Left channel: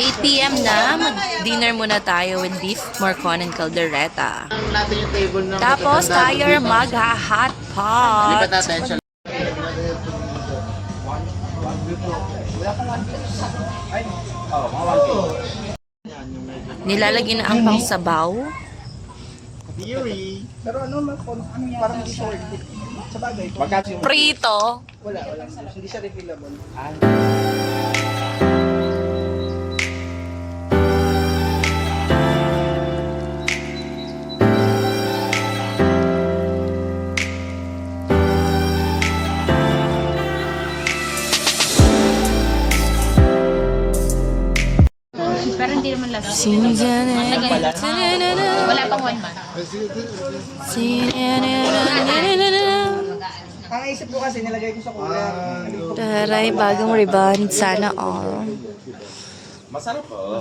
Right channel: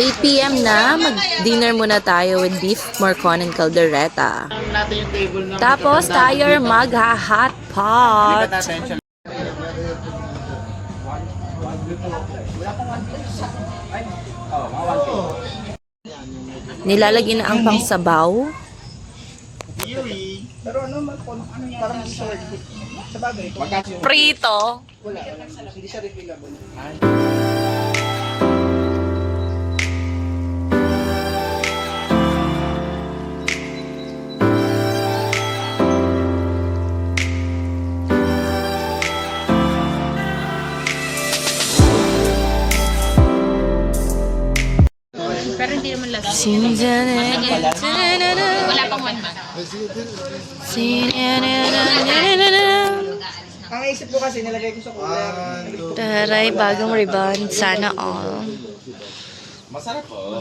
8 p.m. na, mag-dinner muna tayo with beef morcon and caldereta. Tapos tayo mag-hot pot. Nilalagyan na ang pangsabaw. Pero parang sa bagay. Prito. Wala. Hindi siya refillable. Pero hindi naman lang. Wala pang 1 month. Ang isip ko kasi nilagay ko sa cooler. Taray, bagong rebound. Sana all. Masarap po.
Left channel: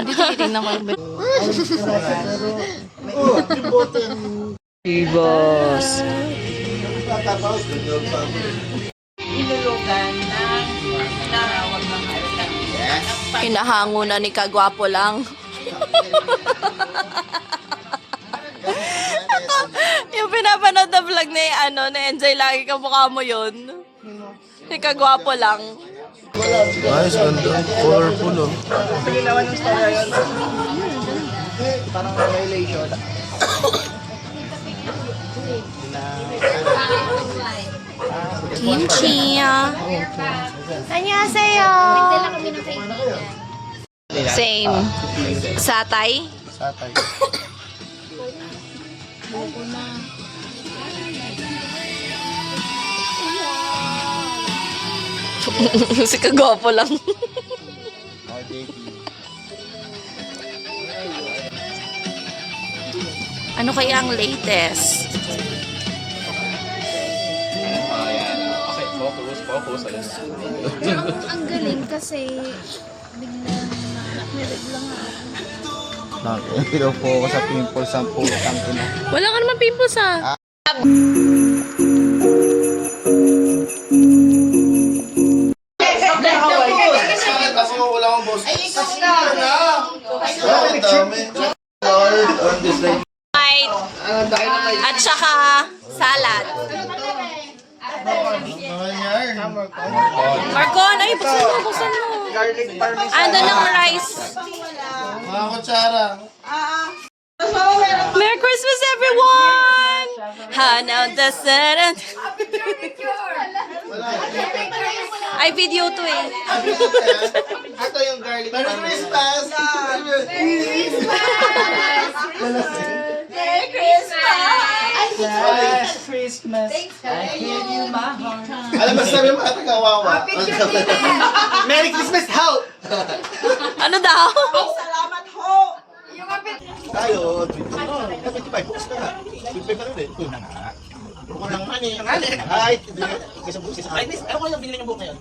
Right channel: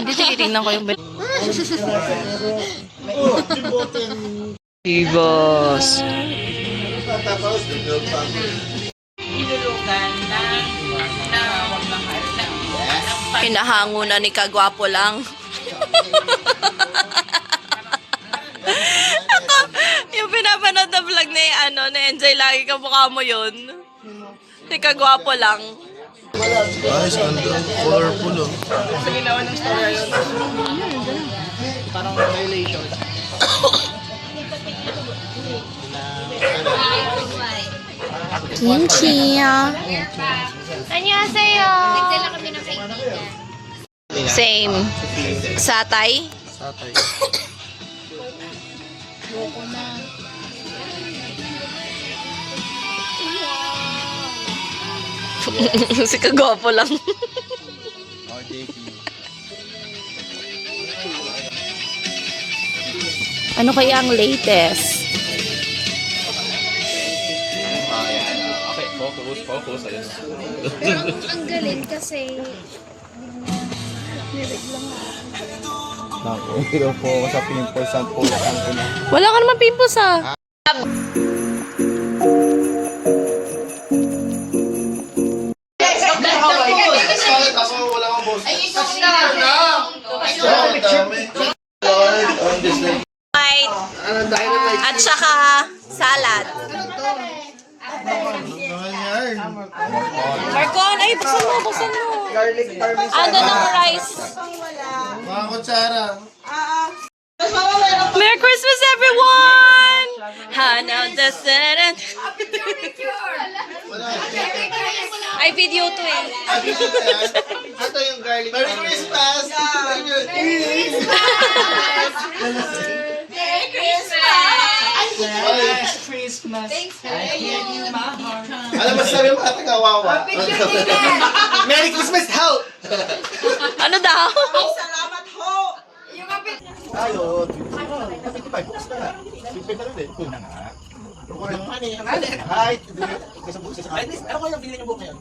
Hindi, titignan ko yung Ibos. Inulugan ng Hinahango na ni Kagwapo lang. Yung pinapanood na vlog na yung na-enjoy lagi ka mukha mo yun. Si Kagwapo lang. Nice, colorful. Sige naman ng story yun. Parang violation. Kimchi. Annyeonghaseyo. Same. Satay. Satay. Si Kagwapo lang. Oh, JP. Ano kaya ang latest? Okay, focus. Ayun. ang galit kasi Nakikita po ako sa pimples ang putang ina. Wala ka naman pimples ah. At saka salad. Marcon, ay buksan mo. Ando na ang rice. Mga kutsara. Merry Christmas, everyone! Hanaw the sun. Ay, video to eh. Ito yung garlic. Merry Christmas! Merry Christmas! Christmas. I give you my heart. Alam mo sabi mga taga-wawa. Merry Christmas, help! Ano daw? Salamat ho! Tayo, 55 bucks ka na. 55 ka na ulit. Ito na nga. Bukod lang naman eh. Ay, kaysa bukas. Ay, ano ko yung binili niyong book ngayon?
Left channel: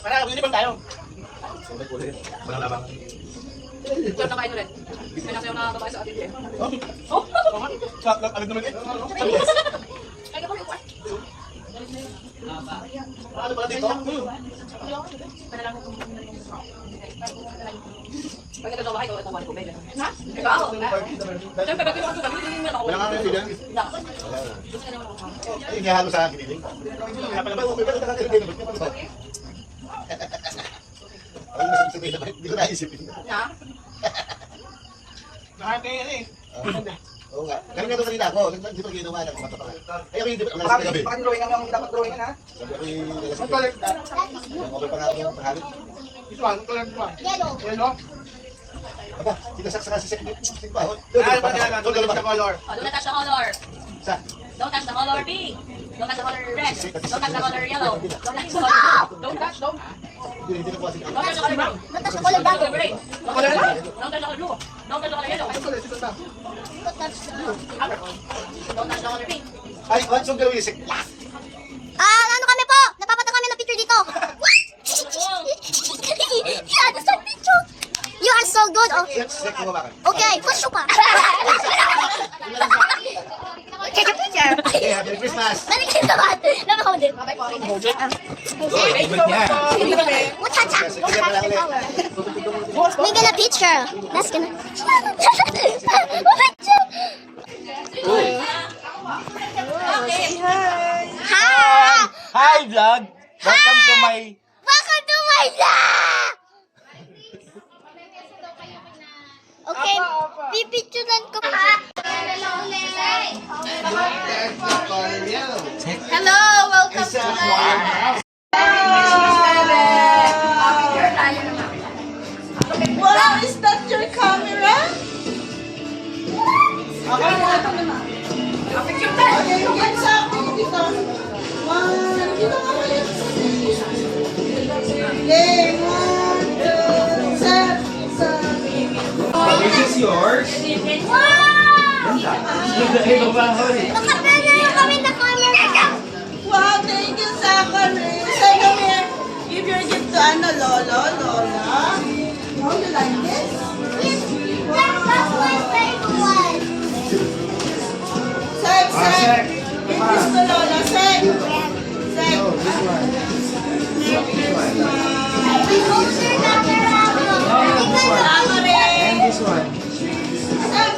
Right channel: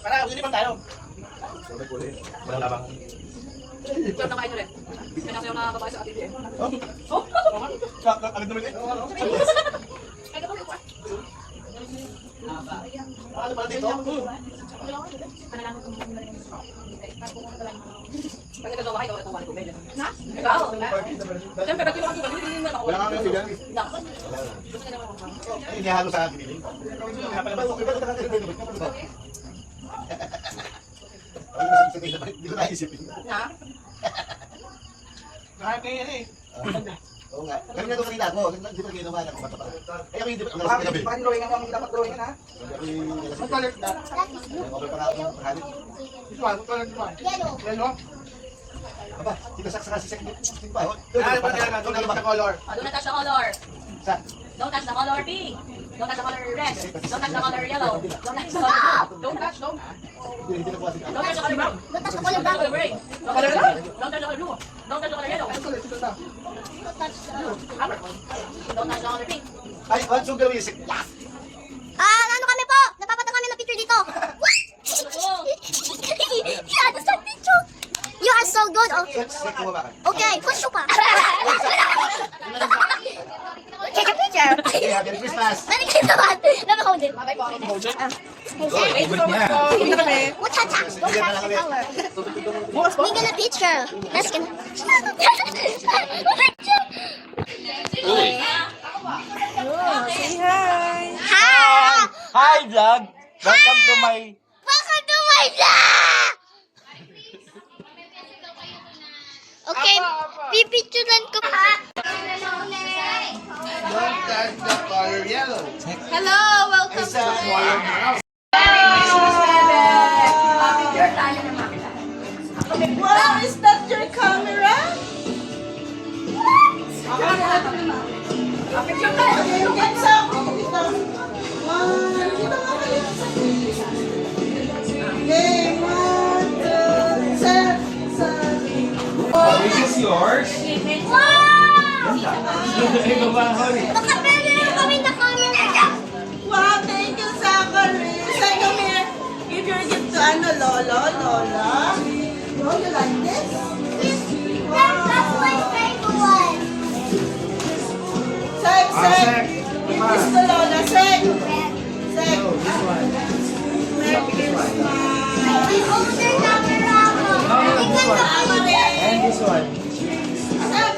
Para, binili bang tayo? Walang labang. Ito na kain ulit. May nasayaw na babae sa atin eh. Agad naman eh. Ay, kapag uwan. Ano pala dito? Pag ito daw bahay, ito wala ko bebe. Ha? Ikaw? Siyempre, pag kinuha ko kami, hindi mo ako. Wala nga kayo bilang. Ay, hindi halo sa kiniling. Kaya pala ba, okay ba? Ito ka kiniling. Ay, masipin na ba? Hindi ko naisipin. Ha? Kahit kayo yan eh. Oo nga. Ganun nga ito kanina ako. Hindi pa ginawa na kumata pala. Ay, ako hindi pa nalasing na gabi. Bakit drawing ang dapat drawing ha? Sabi ako yung nalasing. Ang color na. Okay pa nga ako yung pangalit. This one, ang color na. Yellow. Aba, tinasak sa kasi sa bahon. Ah, ba nila doon sa color? Oh, don't touch the color. Sa? Don't touch the color pink. Don't touch the color red. Don't touch the color yellow. Don't touch the color blue. Don't touch, don't. Hindi na po kasi. Don't touch the color brown. Don't touch the color black. Don't touch the color blue. Don't touch the color yellow. Don't touch the color pink. Ay, what's yung gawin? Ano kami po? Napapata kami ng picture dito. Yeah, that's a picture. You are so good. Oh. Sek mo ba? Okay, push pa. Take a picture. Okay, Merry Christmas. Merry Christmas. Napaka-model. Muchacha. We get a picture. Let's get a picture. Hi. Hi vlog! Welcome to my... Welcome to my vlog. Okay, pipicturean ko pa. Hello, welcome to my Wow, is that your camera? Okay, get sa akin dito. One, dito ka kayo. Okay, 1, 2, set. This is yours. Wow! Baka pwede na kami na camera. Wow, thank you, Zachary. Say, come here. Give your gift to Anna, Lola. Oh, you like this? That's my favorite one. Sek. Give this to Lola. Sek. And this one. Saan,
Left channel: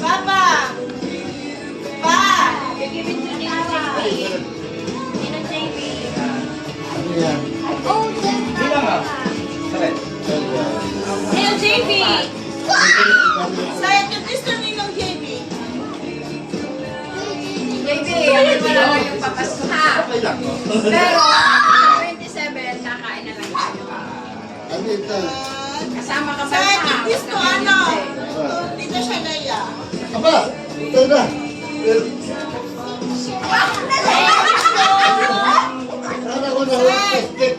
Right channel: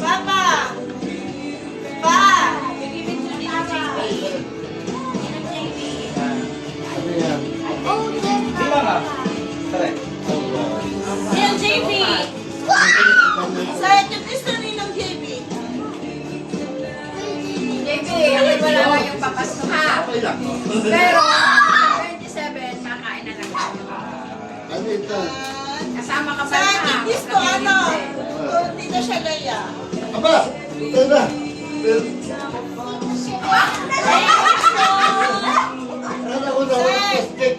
Papa? Ano yan? Bilang ah. Correct. Sek, give this to Ninang JB. Okay lang. Pero, 27, kakain na lang tayo. Ano ito? Kasama ka ba Sek, sa give this to ano? To Tita Shagaya. Aba! Ito na! Ano ko na plastic?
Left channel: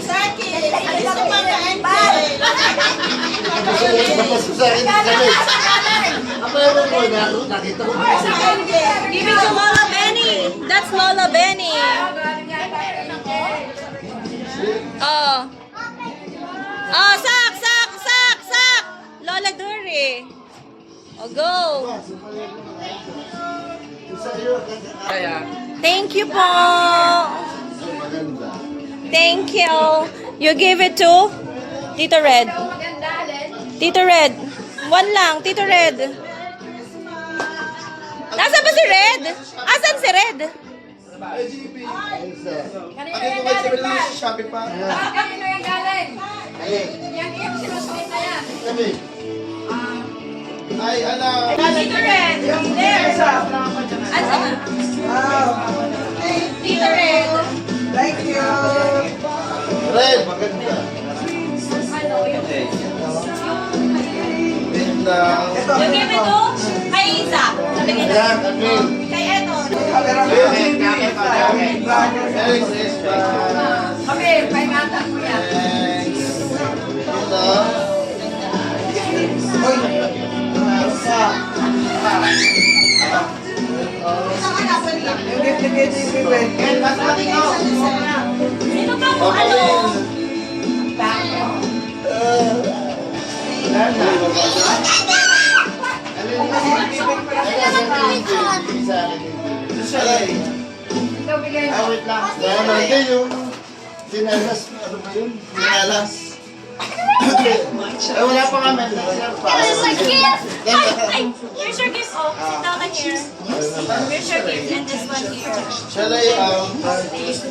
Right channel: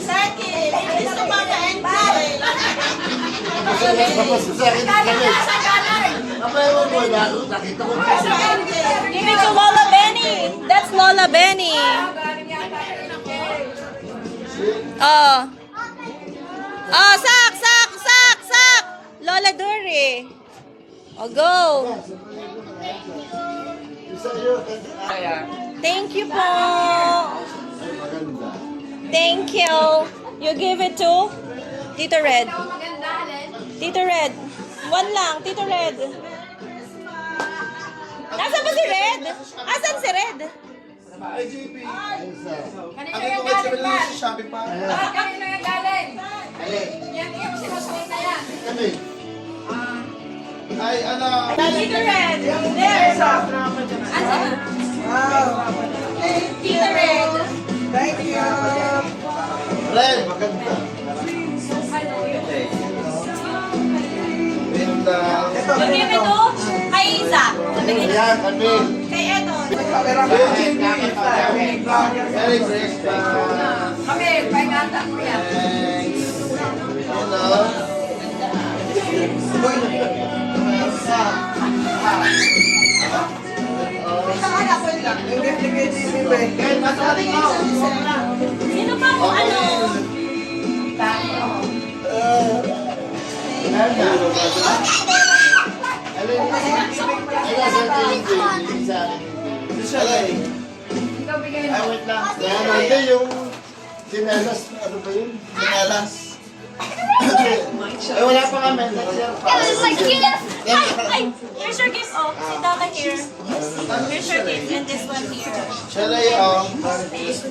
Sek, give this to Mama Angel. Bapas ko sa akin kami. Aba, ewan ko na. Nakita ko. Mama Angel. Give it to Lola Benny. That's Lola Benny. Oh. Oh, sak. Lola Dory. Oh, go. Isa yun. Thank you po. Maganda. Thank you. You give it to Tito Red. Tito Red. One lang, Tito Red. Nasaan ba si Red? Asan si Red? Ay, JP. Isa. Ang ito kayo sa Shopee pa. Kami na yung galing. Alin? Yan yung sinusukit na yan. Kami. Ay, ano. Tito Red. There. Asan? Tito Red. Thank you. Red, maganda. Ganda. You give it to kay Isa. Sabihin na. Yan, kami. Kay Eton. Merry Christmas. Kami, paingatan mo yan. Thanks. Yung gift ni JB, Sino ba mo ano? Ikaw bigay mo. Wait lang. Hindi yung sinelas. Ano ba yun? Sinelas. Eh, wala pa kami. My gift. Ay, here's your gift. Oh, sit down here. Here's your gift and this one here. Shall I,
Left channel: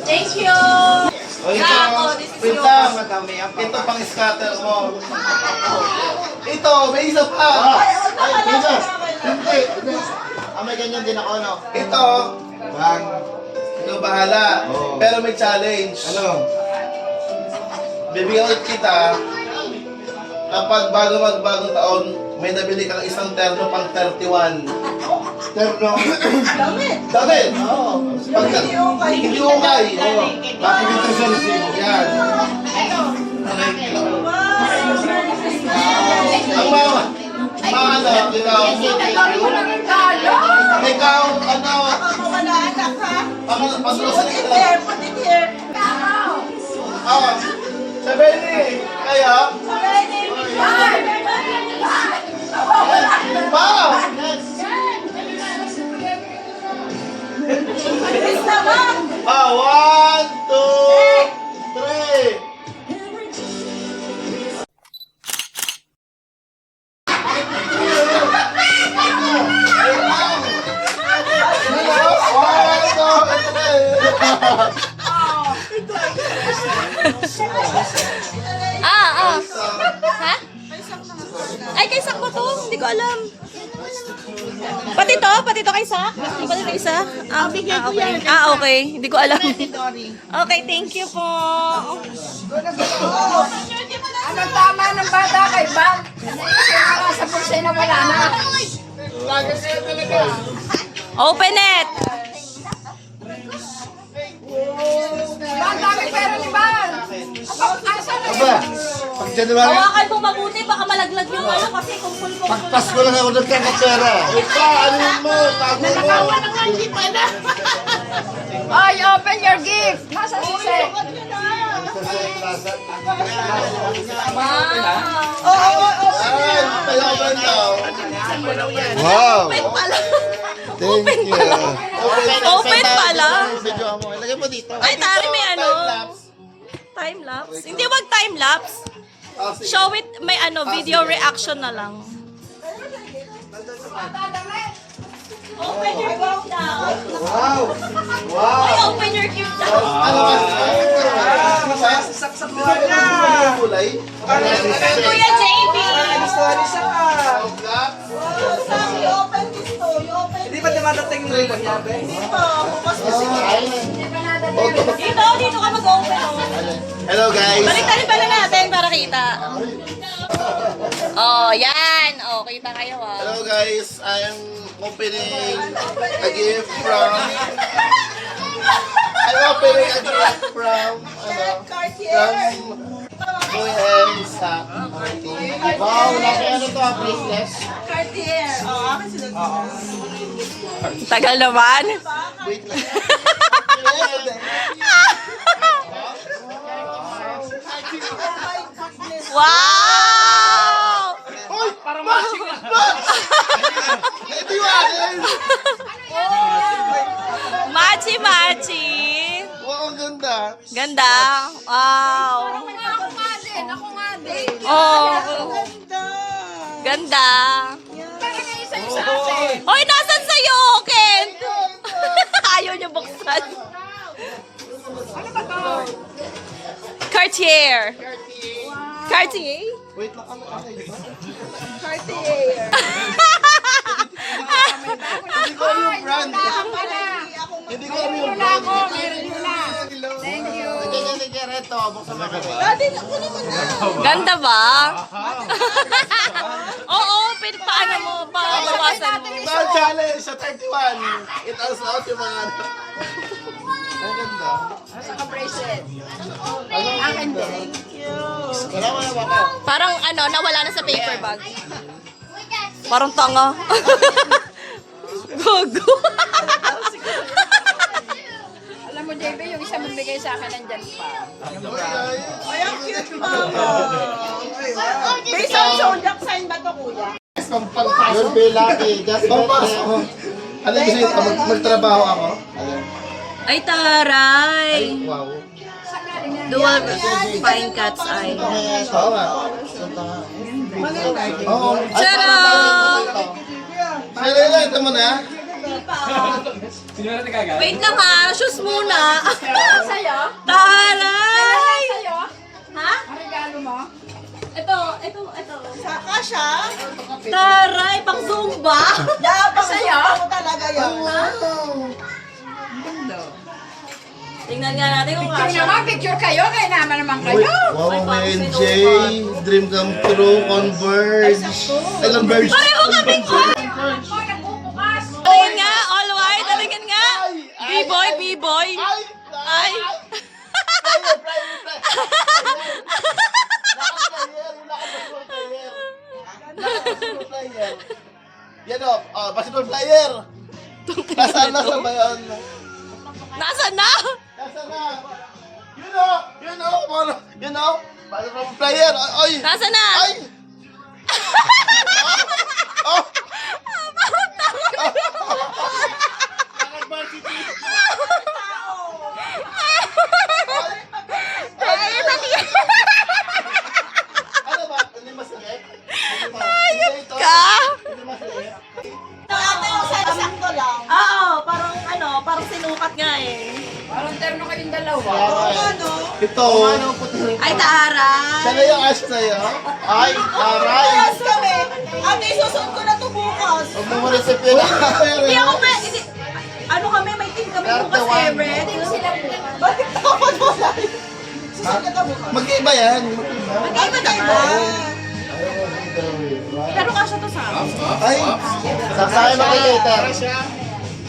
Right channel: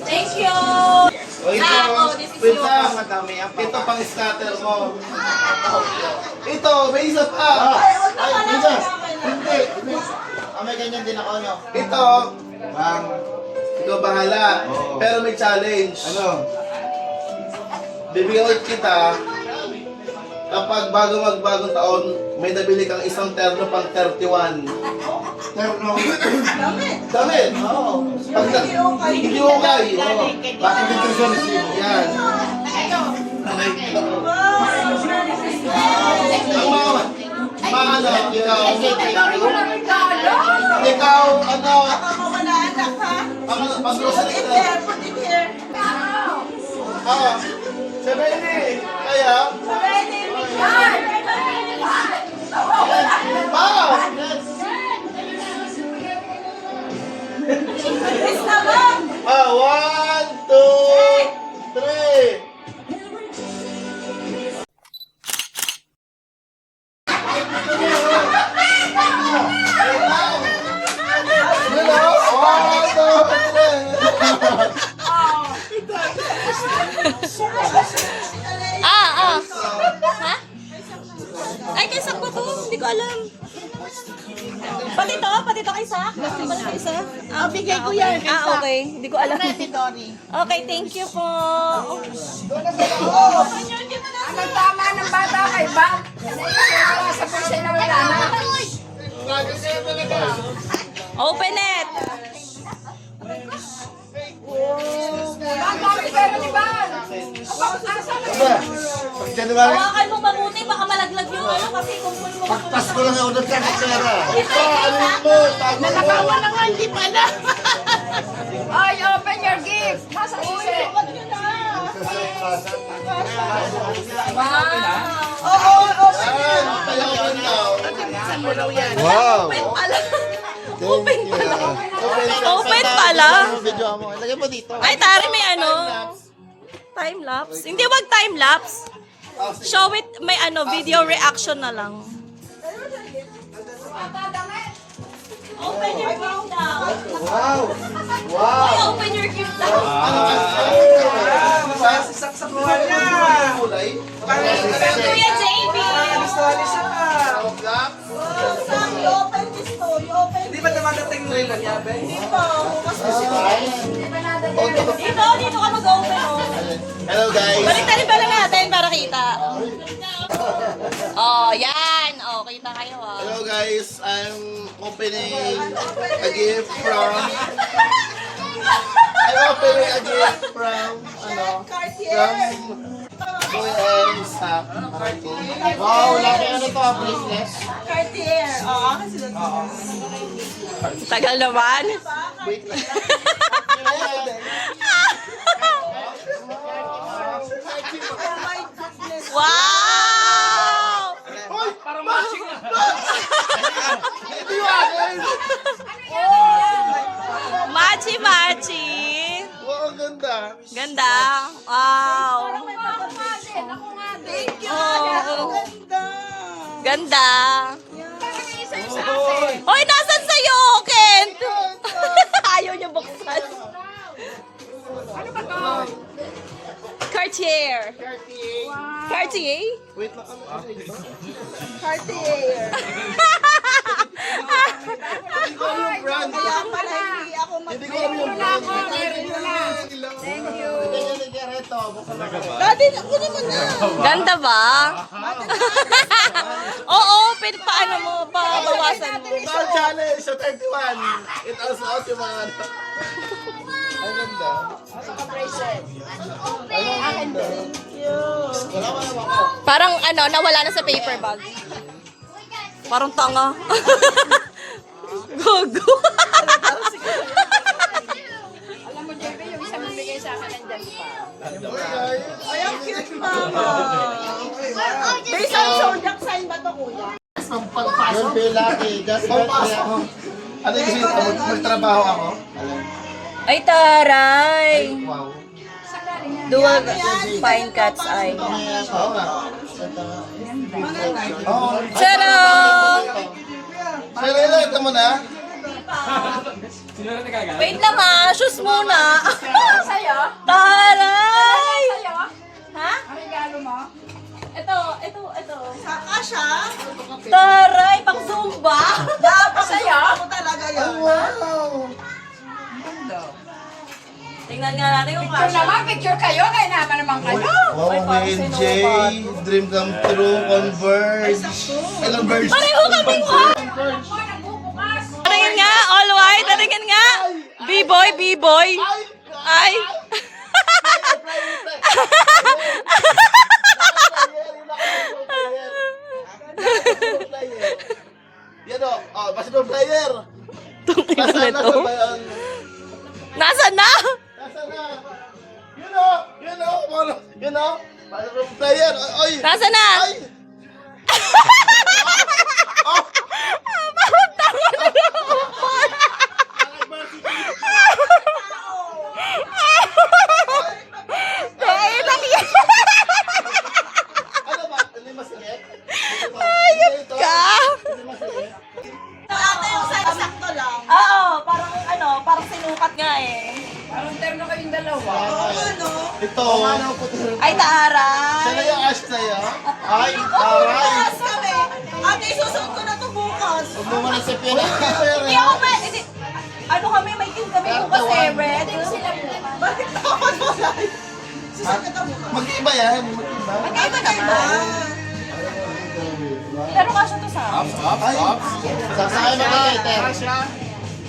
Thank you. O ito, Oh, this is wait lang. yours. Ito pang scatter mo. Ito, may isa pa. Ay, hindi. May ganyan din ako, no? Ito, bang, ikaw bahala. Pero may challenge. Ano? Bibigyan ulit kita kapag bago magbagong taon, may nabili kang isang terno pang 31. Terno. Damit! Oo. Hindi ukay. Oo. Bakit dito sa resibo? Yan. Ang ano, ikaw, ano, Mawala anak ha? pag-grocery Put it ka. here, put it here. Ah, sabi ni, kayo? Wow! Ah, 1, 2, 3. Ha? Ay, kay Sak ba to? Hindi ko alam. Pati to kay Sak? Pati to isa? Bigay ko yan. Okay. Hindi ko alam. Okay, thank you po. Anong tama ng bata kay ba? Sa pulsay na wala na. Open it! Ang dami pera ni ba? Asa na Aba, pag January, Hawakan mo mabuti, baka malaglag yung ano kasi kumpul mo. pag Pasko lang ako nagkakapera. Ito, ano mo? Tago mo. Ay, open your gift. Nasa sisi. Ayan, palawan daw. Wow! Thank you. Open pala. Video mo. Ilagay mo dito. Ay, tari may ano. Time-lapse. Hindi, wag time-lapse. Show it, may ano, video reaction na lang. Open your gift now. Wow! Ay, open your gift now. Masaya si Sak sa buhay niya. Kulay. Kuya JB. Gusto ni Sak ah. Hindi ba dumadating yung relo niya, Ben? Dito ka mag-open. Oh. Hello guys. Baliktarin pala natin para kita. Oh, yan. Oh, kita kayo ah. Hello guys. I'm opening a gift from Kuya and Sak. Wow! Nakaya nito ang business. Tagal naman. Wait lang. Wow! Ito yung akin. Machi-machi. Wow, ang ganda. Ganda. Wow. Oh. Ganda. Hoy, nasan sa'yo, Ken? Ayaw niya buksan. Ano ba to? Cartier. Cartier? Wait lang ako. Hindi ko alam yung brand. Hindi ko alam yung brand. Thank you. Ito, buksan mo. Ganda ba? Oo, pwede paano mo, bawasan mo. Sa challenge sa 31. It also out yung mga ano. Ang ganda. Wala mo na ako. Parang ano, nawala na sa paper bag. Parang tanga. Gogo. Alam mo, JB, yung isa mong bigay sa akin nandyan pa. Ay, ang cute pa. May isang zodiac sign ba to, kuya? You'll be lucky. Just Pampasok ako. Ano yung gusto nyo? Magtrabaho ako? Ay, taray. Wow. Dual fine cat's eye. Oo nga. Oo. Charot! Sino ito mo na? Wait lang ha, shoes muna. Sa'yo? Taray! Sa'yo? Ha? Ang regalo mo? Ito. Saka siya? Taray, pang Zumba. Sa'yo? Tingnan nga natin kung Picture kasha. naman, picture kayo. Kaya naman kayo. Wow, may NJ. Dream come true. Converge. Ilang verge? Pareho kaming Nagbubukas. Tingnan nga, all white. Tingnan nga. B-boy, B-boy. Ay. Yan o. Oh, basketball player. Basta na sa bayan. Nasaan na? Nasa na? You know, Player! Ay! Nasa na? Ay! Oh! Ano ba? Hindi masakit? Ayop Ka? Hindi masakit? Ate yung sakto lang. Oo, parang sinukat nga eh. Parang terno kayong dalawa. Ito. Ay, Tara. Siya na yung ash na yun. Ay, aray. Bukas kami. Ate, susunod ko na to bukas. Huwag mo muna sa pila. Hindi ako hindi. Ano kami, may team kami bukas, Everett. Bakit dapat wala? Susunod na bukas. Mag-iba yan. Mag-iba. Ay, maganda. Pero kasya to sa amin. Ay. Sasakay mo kay Cater.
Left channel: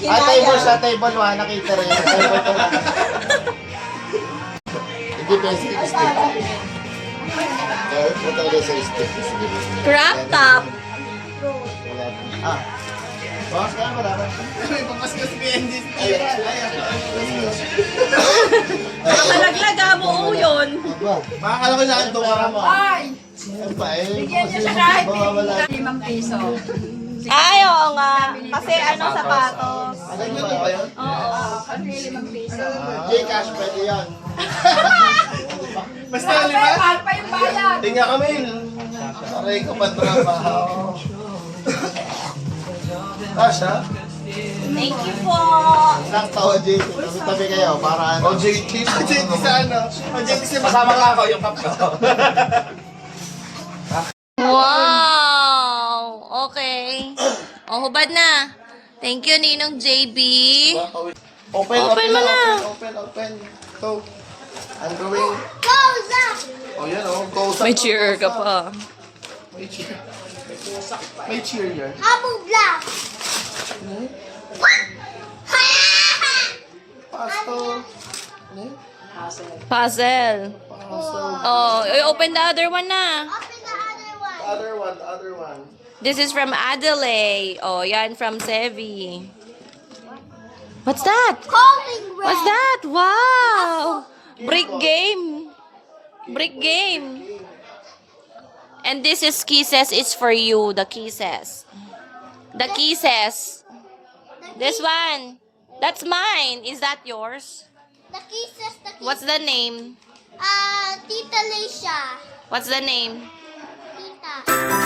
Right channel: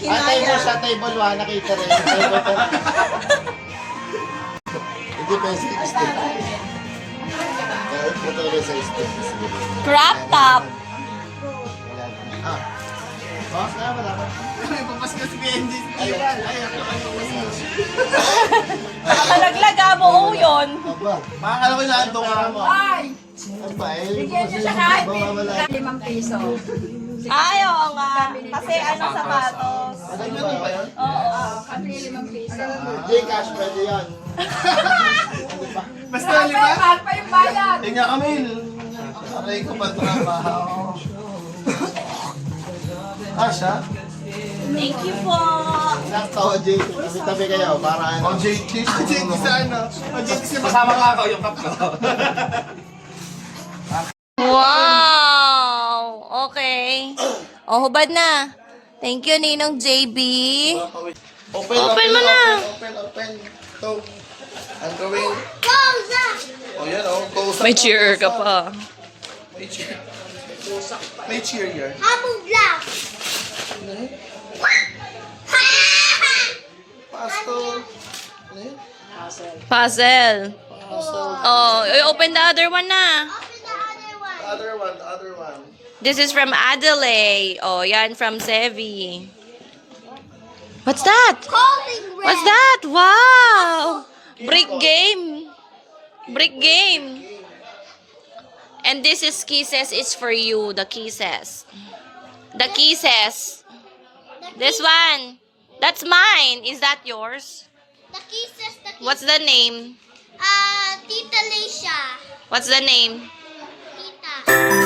Atay mo siya, table 1 na Cater. Hindi pa yung stick. Punta ko din sa stick. Crop top. Ah. Boss, kaya mo dapat. Nakalaglaga mo, oo yun. Aba. Makakala ko na ito ka mo. Ay! Ano ba? Bigyan niyo siya kahit Mawawala. 5 piso. Ay, oo nga. Kasi sapatos. Ano yun ba yun? Oo. Pagli 5 piso. Gcash, pwede yan. Basta Mahal pa yung bayad. Tingnan kami. Aray ko pa trabaho. Asha? Thank you po. Nakatawa, Jay. Tabi-tabi kayo para ano. O JT. JT sa ano? Kasama nga ako yung cup ko. Wow! Okay. O, hubad na. Thank you, Ninong JB. Open mo na. Open. Ito. Ang gawin. Pausa! O yan o. Kausap. May cheer ka pa. May cheer. May cheer yan. Habong black! Pasto. Ano yun? Puzzle. Oh, open the other one na. Open the other one. The other one. This is from Adelaide. Oh, yan from Sevi. What's that? Calling red. What's that? Wow! Brick game. Brick game. And this is kisses. It's for you. The kisses. The kisses. The This one. That's mine. Is that yours? kisses, the kisses. What's the name? Tita Leisha. What's the name? Tita.